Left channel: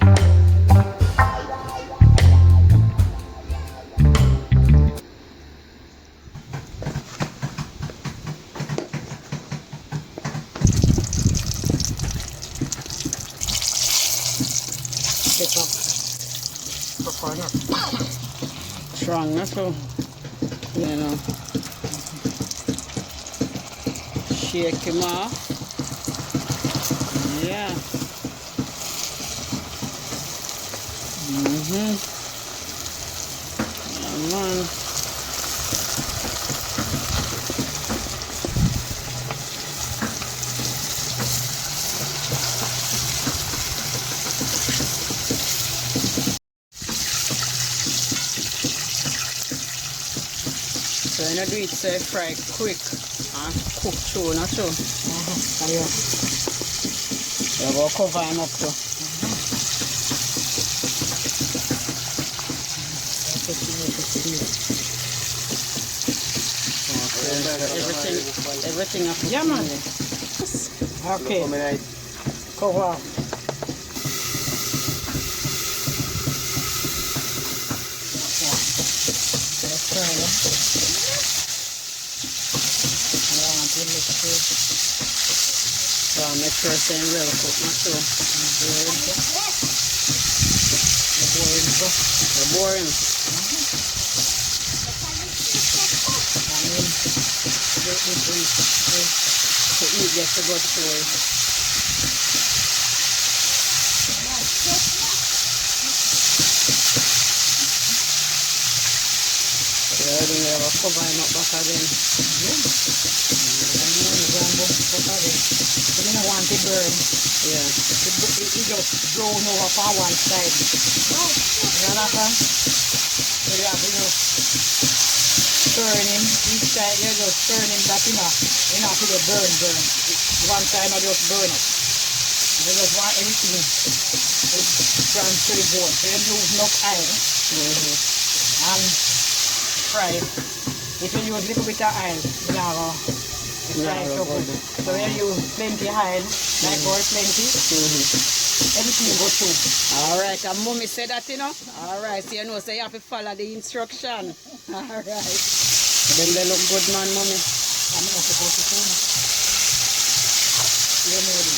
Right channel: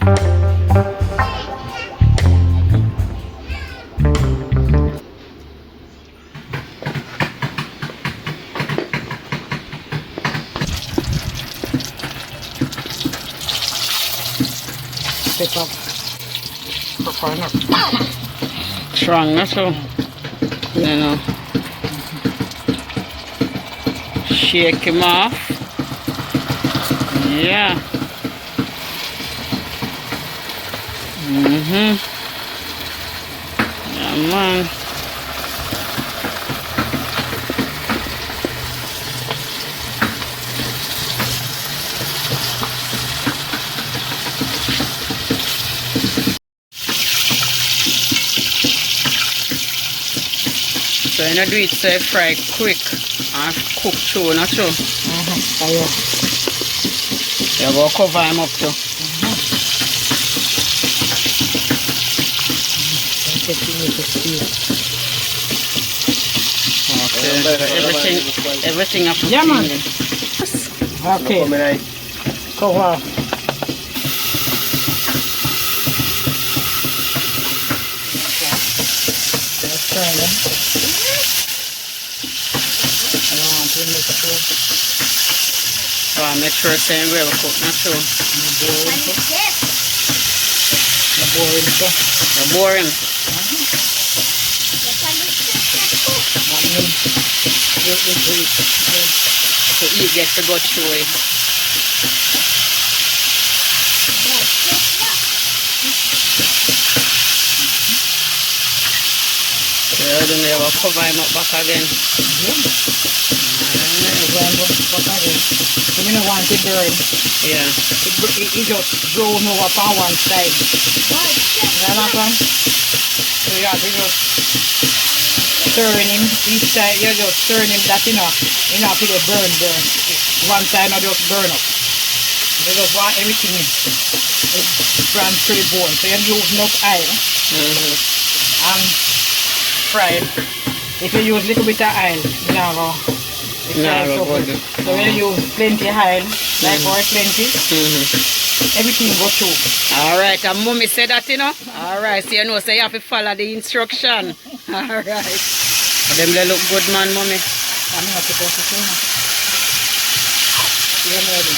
Pepper. Coconut. Strong, not so. You know. Shake him off. Yeah. Yeah, man. So you know do it so fry quick and cook through, not true? You go cover him up too. Okay, so everything up to yeah, man. Okay. Cover. So I make sure it's well cooked, not true? Boring. So eat gets to go through it. So then they will cover him up back again. You don't want it burn. Yeah. It just brown over on one side. So you have to just turn him each side. You just turn him that enough to get burn. One side not just burn up. You just want everything brand to the bone. So you use enough oil and fry it. If you use a little bit of oil, you know. So when you use plenty oil, like oil plenty, everything go through. Alright, and mommy said that, you know. Alright, so you know, so you have to follow the instruction. Alright. Them they look good, man, mommy. I'm not supposed to say that. You're ready.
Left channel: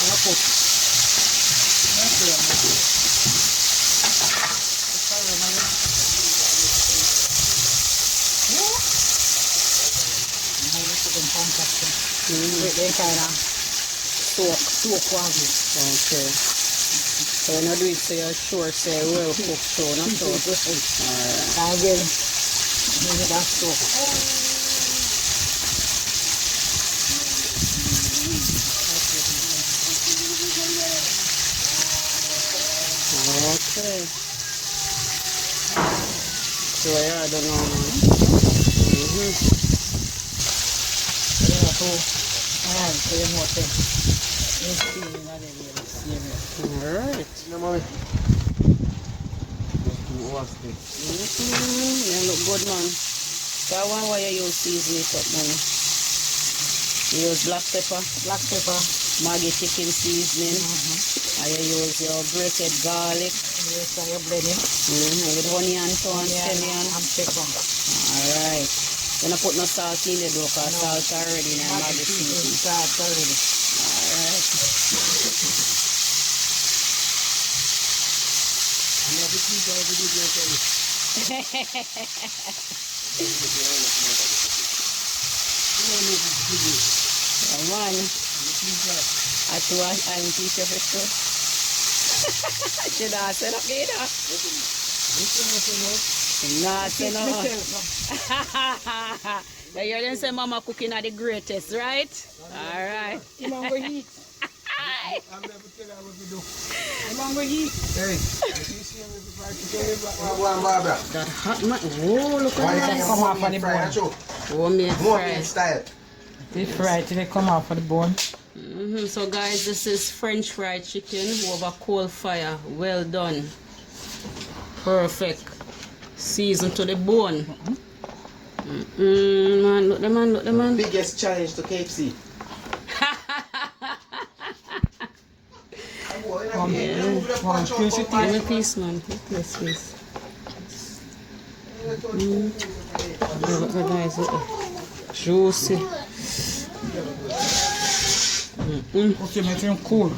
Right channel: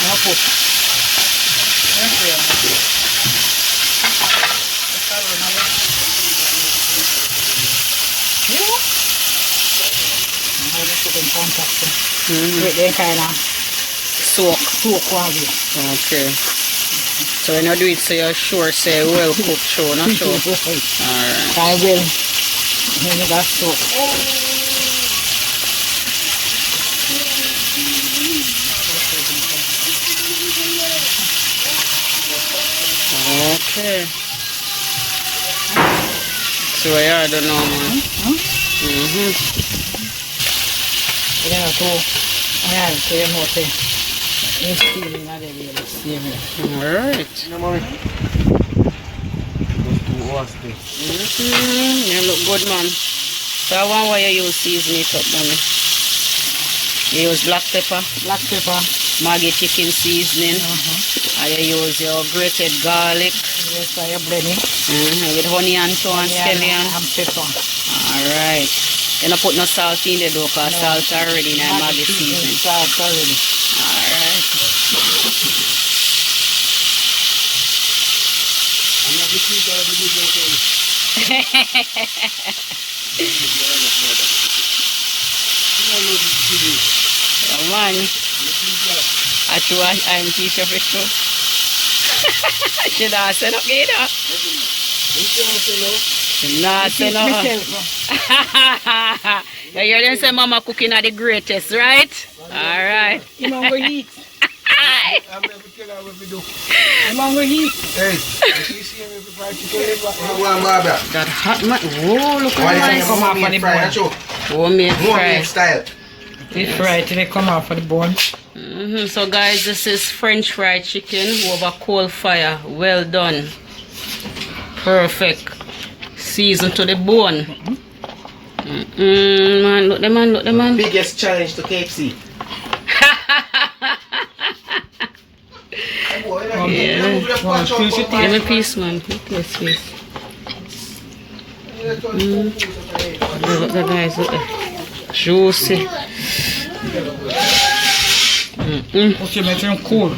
I'm going to put. They kind of soak quality. Okay. So when you do it, so you're sure say well cooked through, not sure. Alright. I will. Maybe that's soak. Okay. So I don't know, man. You know, so you know, it's feeling that they will see me. Alright. No, mommy. You look good, man. So I want why you use season it up, mommy. You use black pepper. Black pepper. Maggi chicken seasoning. And you use your grated garlic. Yes, I blend it. With honey and scallion. And pepper. Alright. You don't put no salt in the dough because salt already in the Maggi seasoning. Salt already. Alright. Come on. I true I'm teacher for sure. Should I say no either? Nah, say no. You hear them say mama cooking are the greatest, right? Alright. You know we eat. I'm never tell her what we do. You know we eat. Hey, you see me fried chicken? That hot man. Whoa, look Why at did this. come off on the bone? Homemade fry. Style. Deep fried till they come out for the bone. So guys, this is French fried chicken over coal fire. Well done. Perfect. Seasoned to the bone. Man, look the man, look the man. Biggest challenge to KFC. Oh, Yeah. One piece it Give me a piece, man. This piece. Look, the guys, look. Juicy. Okay, make them cool.